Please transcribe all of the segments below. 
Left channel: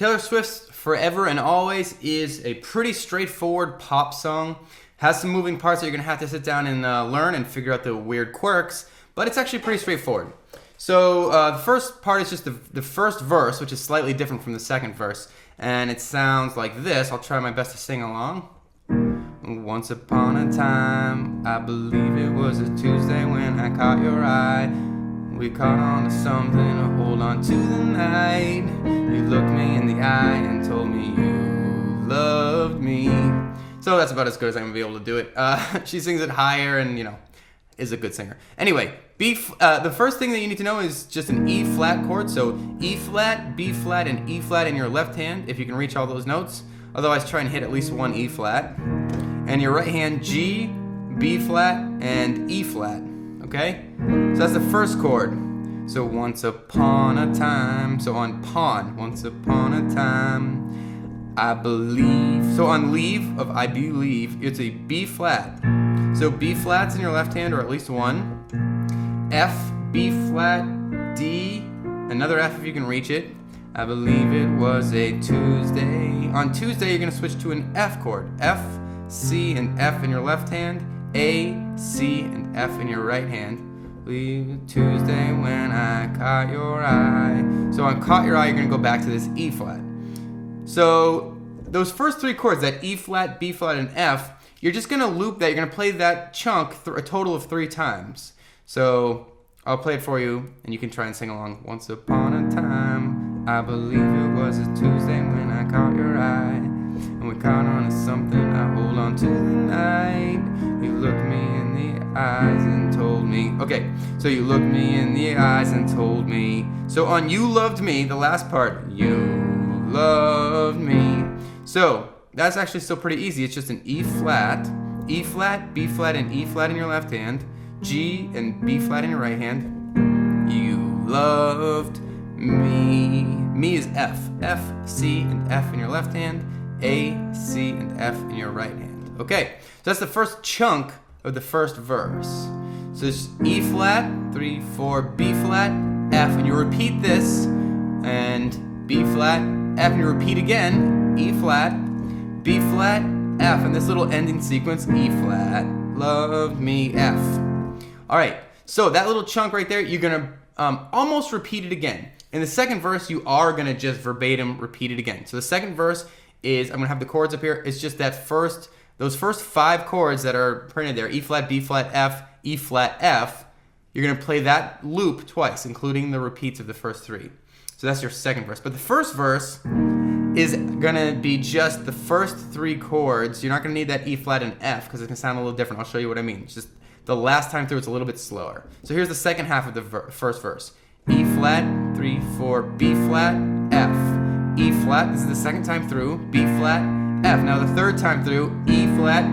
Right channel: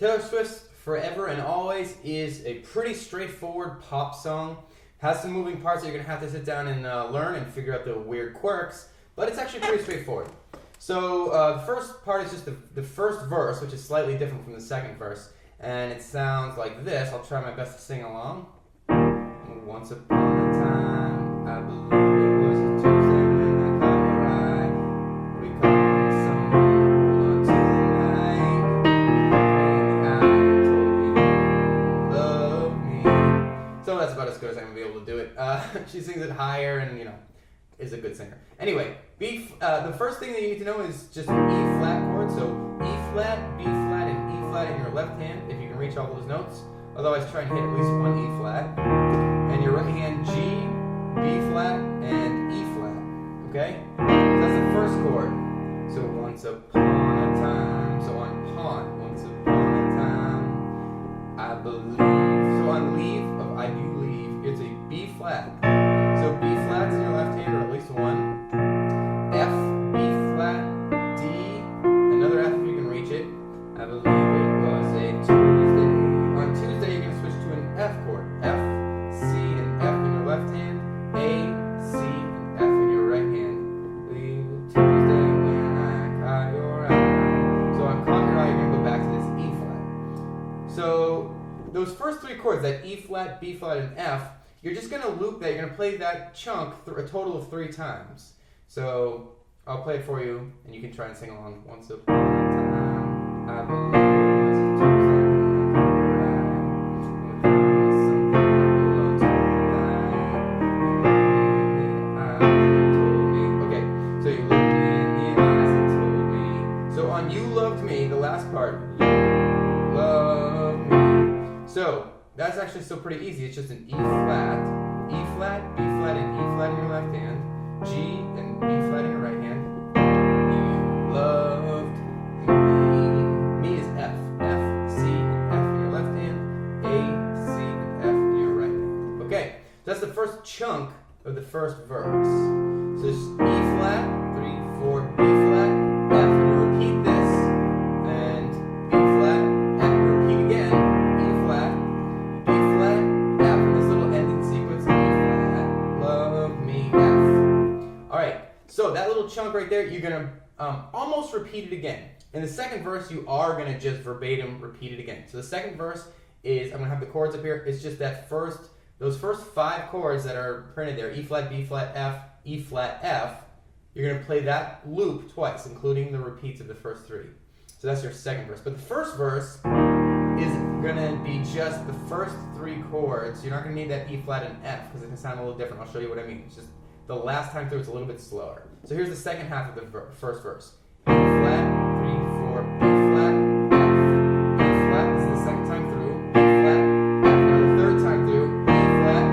Taylor Swift's Forever and Always is a pretty straightforward pop song. Has some moving parts that you're going to have to sit down and learn and figure out the weird quirks, but it's actually pretty straightforward. So the first part is just the first verse, which is slightly different from the second verse, and it sounds like this. I'll try my best to sing along. Once upon a time, I believe it was a Tuesday when I caught your eye. We caught on to something to hold on to the night. You looked me in the eye and told me you loved me. So that's about as good as I'm going to be able to do it. She sings it higher and, is a good singer. Anyway, the first thing that you need to know is just an E flat chord. So E flat, B flat, and E flat in your left hand, if you can reach all those notes. Otherwise, try and hit at least one E flat. And your right hand, G, B flat, and E flat. Okay? So that's the first chord. So once upon a time. So on pawn, once upon a time, I believe. So on leave of I believe, it's a B flat. So B flat's in your left hand, or at least one. F, B flat, D, another F if you can reach it. I believe it was a Tuesday. On Tuesday, you're going to switch to an F chord. F, C, and F in your left hand. A, C, and F in your right hand. Believe it Tuesday when I caught your eye. So on caught your eye, you're going to go back to this E flat. So those first three chords, that E flat, B flat, and F, you're just going to loop that. You're going to play that chunk a total of 3 times. So I'll play it for you, and you can try and sing along. Once upon a time, I believe it was a Tuesday when I caught your eye. And we caught on to something, I hold on to the night. You looked me in the eyes and told me. Okay, so you looked me in the eyes and told me. So on You Loved Me, the last part, you loved me. So that's actually still pretty easy. It's just an E flat, B flat, and E flat in your left hand. G and B flat in your right hand. You loved me. Me is F. F, C, and F in your left hand. A, C, and F in your right hand. Okay, so that's the first chunk of the first verse. So it's E flat, 3, 4, B flat, F, and you repeat this, and B flat, F, and you repeat again, E flat, B flat, F, and this little ending sequence, E flat, love me, F. Alright, so that little chunk right there, you're going to almost repeat it again. In the second verse, you are going to just verbatim repeat it again. So the second verse is, I'm going to have the chords up here, it's just those first 5 chords that are printed there, E flat, B flat, F, E flat, F, you're going to play that loop twice, including the repeats of the first 3. So that's your second verse. But the first verse is going to be just the first 3 chords. You're not going to need that E flat and F because it's going to sound a little different. I'll show you what I mean. It's just the last time through, it's a little bit slower. So here's the second half of the first verse. E flat, 3, 4, B flat, F. E flat, this is the second time through. B flat, F. Now the third time through, E flat,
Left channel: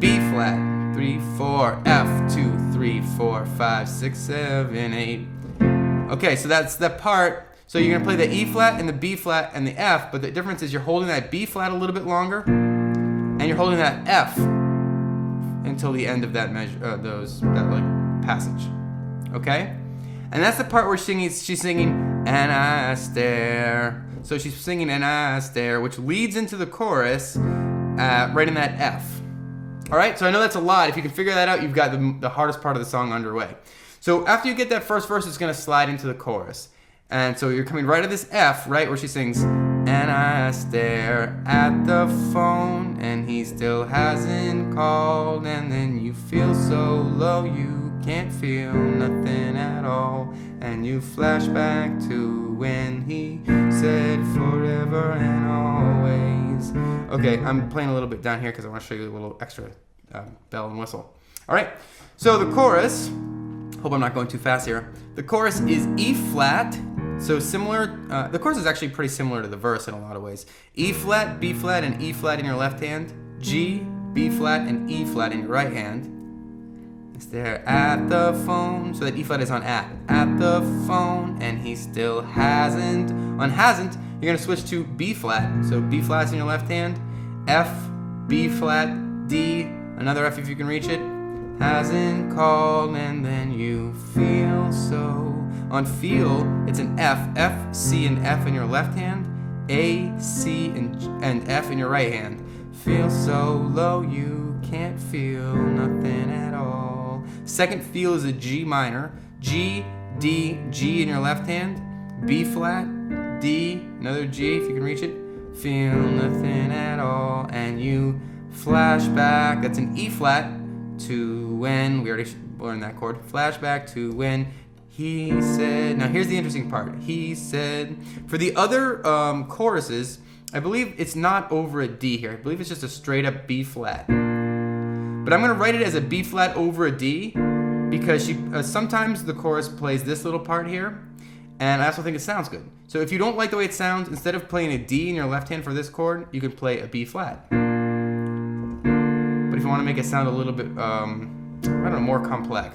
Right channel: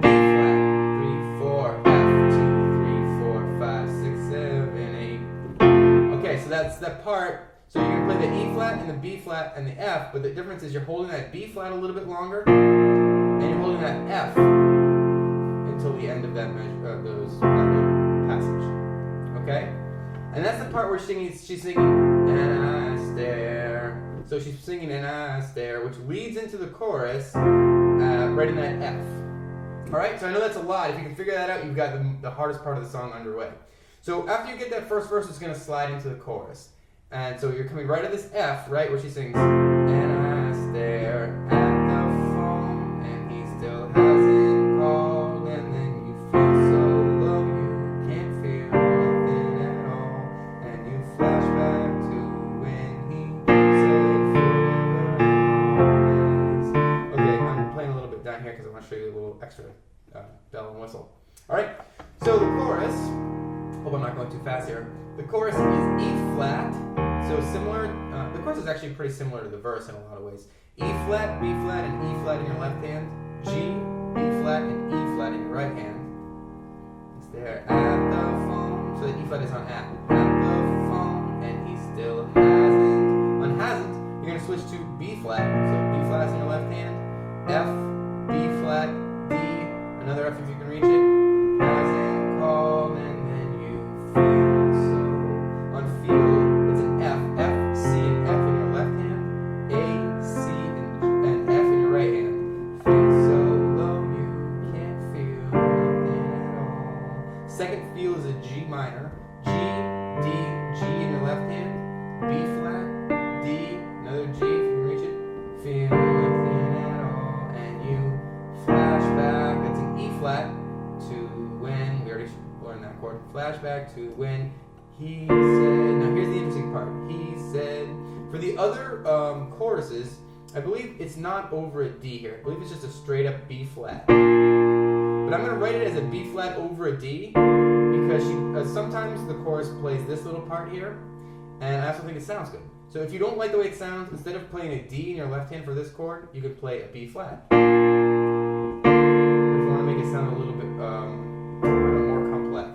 B flat, 3, 4, F, 2, 3, 4, 5, 6, 7, 8. Okay, so that's the part. So you're going to play the E flat and the B flat and the F, but the difference is you're holding that B flat a little bit longer, and you're holding that F until the end of that passage. Okay? And that's the part where she's singing, and I stare. So she's singing, and I stare, which leads into the chorus right in that F. Alright, so I know that's a lot. If you can figure that out, you've got the hardest part of the song underway. So after you get that first verse, it's going to slide into the chorus. And so you're coming right at this F, right, where she sings, and I stare at the phone, and he still hasn't called, and then you feel so low, you can't feel nothing at all, and you flash back to when he said forever and always. Okay, I'm playing a little bit down here because I want to show you a little extra bell and whistle. All right, so the chorus, hope I'm not going too fast here. The chorus is E flat, so similar, the chorus is actually pretty similar to the verse in a lot of ways. E flat, B flat, and E flat in your left hand. G, B flat, and E flat in your right hand. Is there at the phone, so that E flat is on at the phone, and he still hasn't. On hasn't, you're going to switch to B flat, so B flat is in your left hand. F, B flat, D, another F if you can reach it. Hasn't called, and then you feel so. On feel, it's an F, F, C, and F in your left hand. A, C, and F in your right hand. Feel so low you can't feel nothing at all. Second feel is a G minor. G, D, G in your left hand. B flat, D, another G if you can reach it. Feel nothing at all. And you flashback. That's an E flat to when, we already learned that chord. Flashback to when he said. Now here's the interesting part. He said. For the other choruses, I believe it's not over a D here. I believe it's just a straight up B flat. But I'm going to write it as a B flat over a D because sometimes the chorus plays this little part here, and I also think it sounds good. So if you don't like the way it sounds, instead of playing a D in your left hand for this chord, you can play a B flat. But if you want to make it sound a little bit, I don't know, more complex.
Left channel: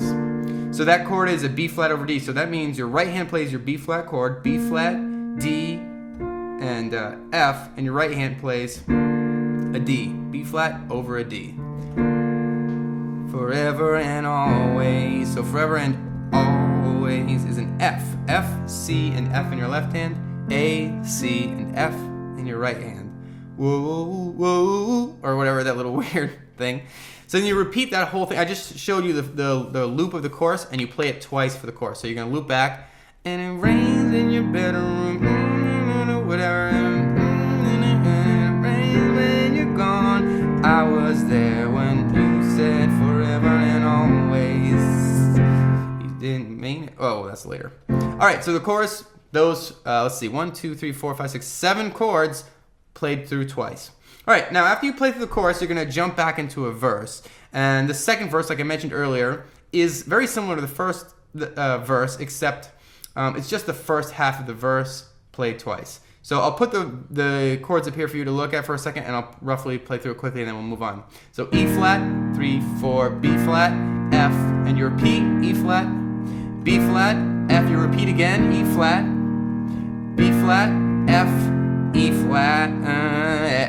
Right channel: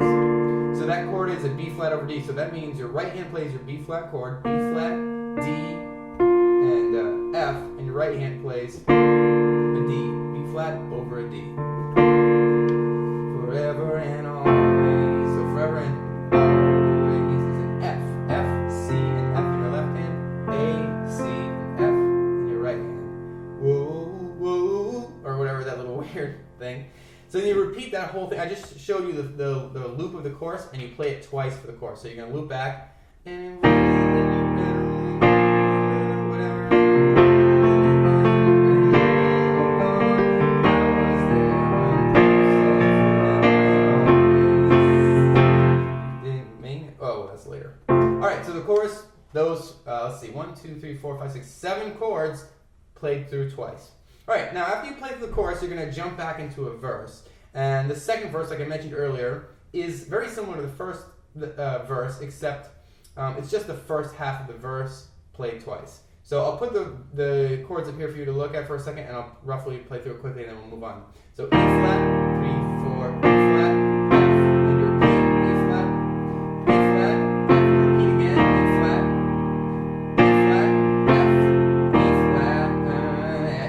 So that chord is a B flat over D. So that means your right hand plays your B flat chord, B flat, D, and F, and your right hand plays a D, B flat over a D. Forever and always. So forever and always is an F. F, C, and F in your left hand. A, C, and F in your right hand. Whoa, whoa, or whatever, that little weird thing. So then you repeat that whole thing. I just showed you the loop of the chorus, and you play it twice for the chorus. So you're going to loop back, and it rains in your bedroom, whatever. Oh, that's later. All right, so the chorus, those, let's see, 1, 2, 3, 4, 5, 6, 7 chords played through twice. All right, now after you play through the chorus, you're going to jump back into a verse. And the second verse, like I mentioned earlier, is very similar to the first verse, except it's just the first half of the verse played twice. So I'll put the chords up here for you to look at for a second, and I'll roughly play through it quickly, and then we'll move on. So E flat, 3, 4, B flat, F, and you repeat, E flat, B flat, F, you repeat again, E flat, B flat, F, E flat,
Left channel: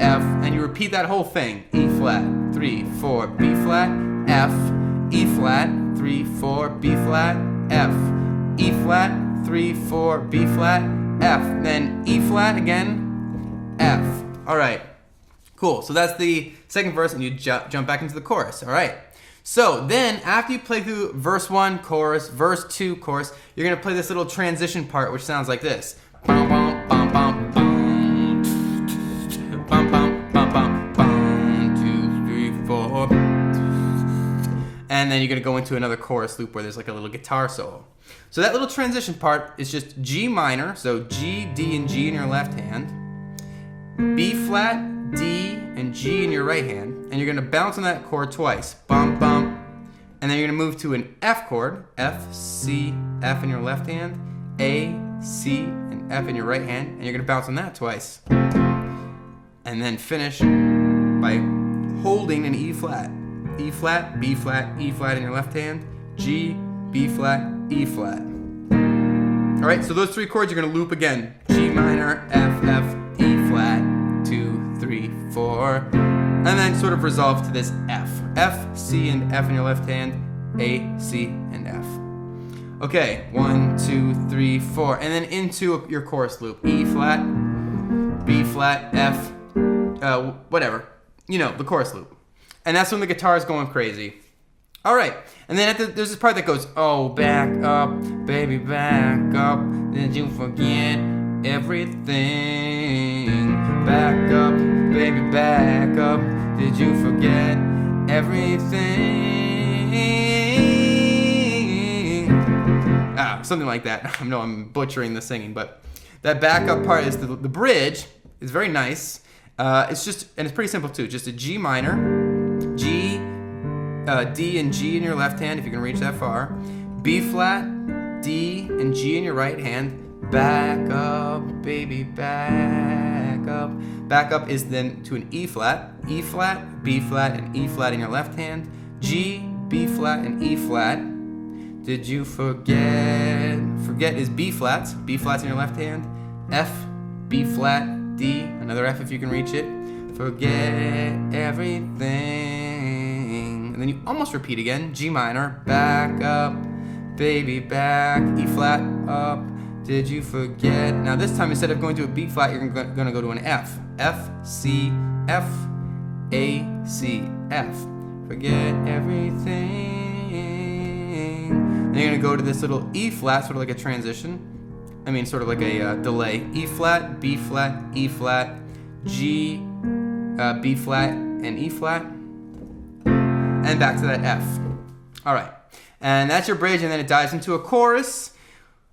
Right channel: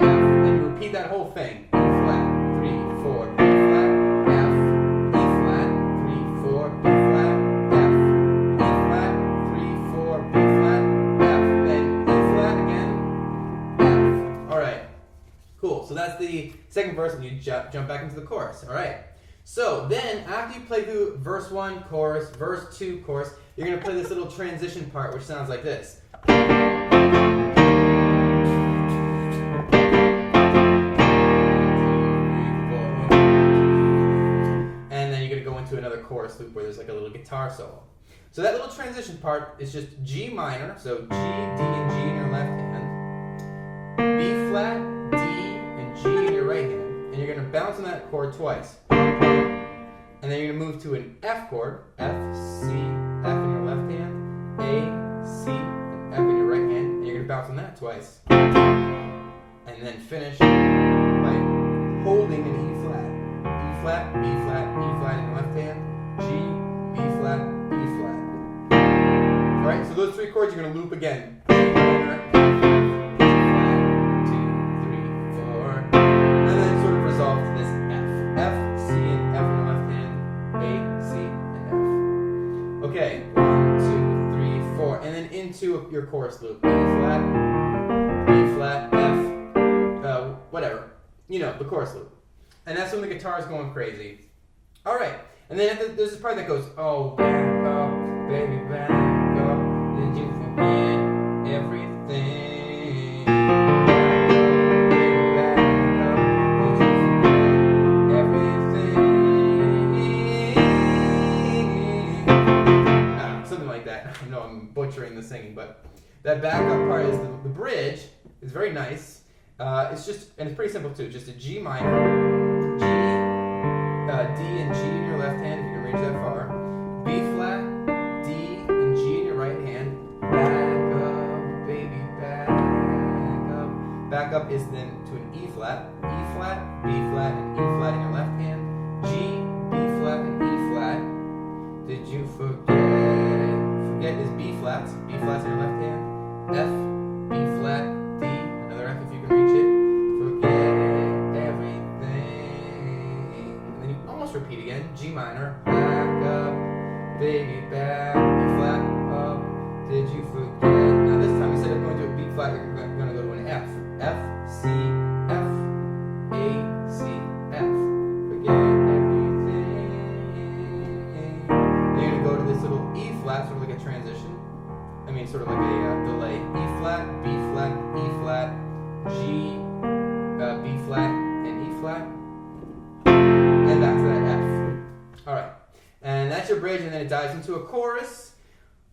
F, and you repeat that whole thing. E flat, 3, 4, B flat, F, E flat, 3, 4, B flat, F, E flat, 3, 4, B flat, F, then E flat again, F. All right, cool. So that's the second verse, and you jump back into the chorus. All right. So then, after you play through verse 1, chorus, verse 2, chorus, you're going to play this little transition part, which sounds like this. And then you're going to go into another chorus loop where there's like a little guitar solo. So that little transition part is just G minor, so G, D, and G in your left hand, B flat, D, and G in your right hand, and you're going to bounce on that chord twice. Bum, bum. And then you're going to move to an F chord, F, C, F in your left hand, A, C, and F in your right hand, and you're going to bounce on that twice. And then finish by holding an E flat. E flat, B flat, E flat in your left hand, G, B flat, E flat. All right, so those three chords you're going to loop again. G minor, F, F, E flat, 2, 3, 4, and then sort of resolve to this F. F, C, and F in your left hand, A, C, and F. Okay, 1, 2, 3, 4, and then into your chorus loop. E flat, B flat, F, whatever. You know, the chorus loop. And that's when the guitar is going crazy. All right, and then there's this part that goes, oh, back up, baby, back up. Did you forget everything? Back up, baby, back up. Did you forget everything? Something like that. I know I'm butchering the singing, but that backup part is the bridge. It's very nice. It's just, and it's pretty simple too. Just a G minor, G, D and G in your left hand if you can reach that far. B flat, D and G in your right hand. Back up, baby, back up. Back up is then to an E flat, B flat, and E flat in your left hand. G, B flat, and E flat. Did you forget? Forget is B flats in your left hand. F, B flat, D, another F if you can reach it. Forget everything. And then you almost repeat again. G minor, back up, baby, back. E flat, up, Did you forget? Now this time, instead of going to a B flat, you're going to go to an F. F, C, F, A, C, F. Forget everything. Then you're going to go to this little E flat, sort of like a transition. I mean, sort of like a delay. E flat, B flat, E flat, G, B flat, and E flat. And back to that F. All right. And that's your bridge, and then it dives into a chorus.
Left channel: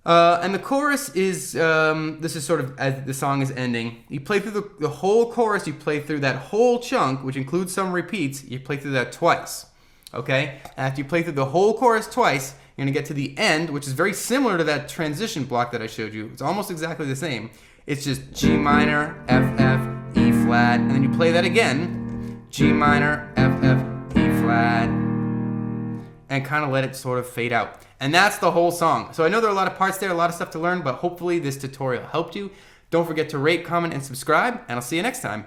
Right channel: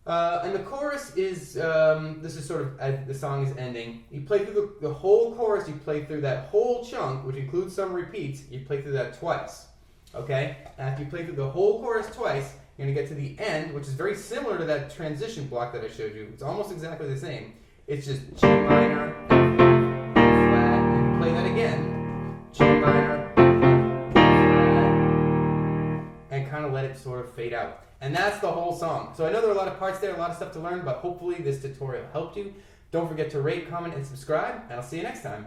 And the chorus is, this is sort of as the song is ending. You play through the whole chorus, you play through that whole chunk, which includes some repeats, you play through that twice. Okay? And after you play through the whole chorus twice, you're going to get to the end, which is very similar to that transition block that I showed you. It's almost exactly the same. It's just G minor, F, F, E flat, and then you play that again. G minor, F, F, E flat, and kind of let it sort of fade out. And that's the whole song. So I know there are a lot of parts there, a lot of stuff to learn, but hopefully this tutorial helped you. Don't forget to rate, comment, and subscribe, and I'll see you next time.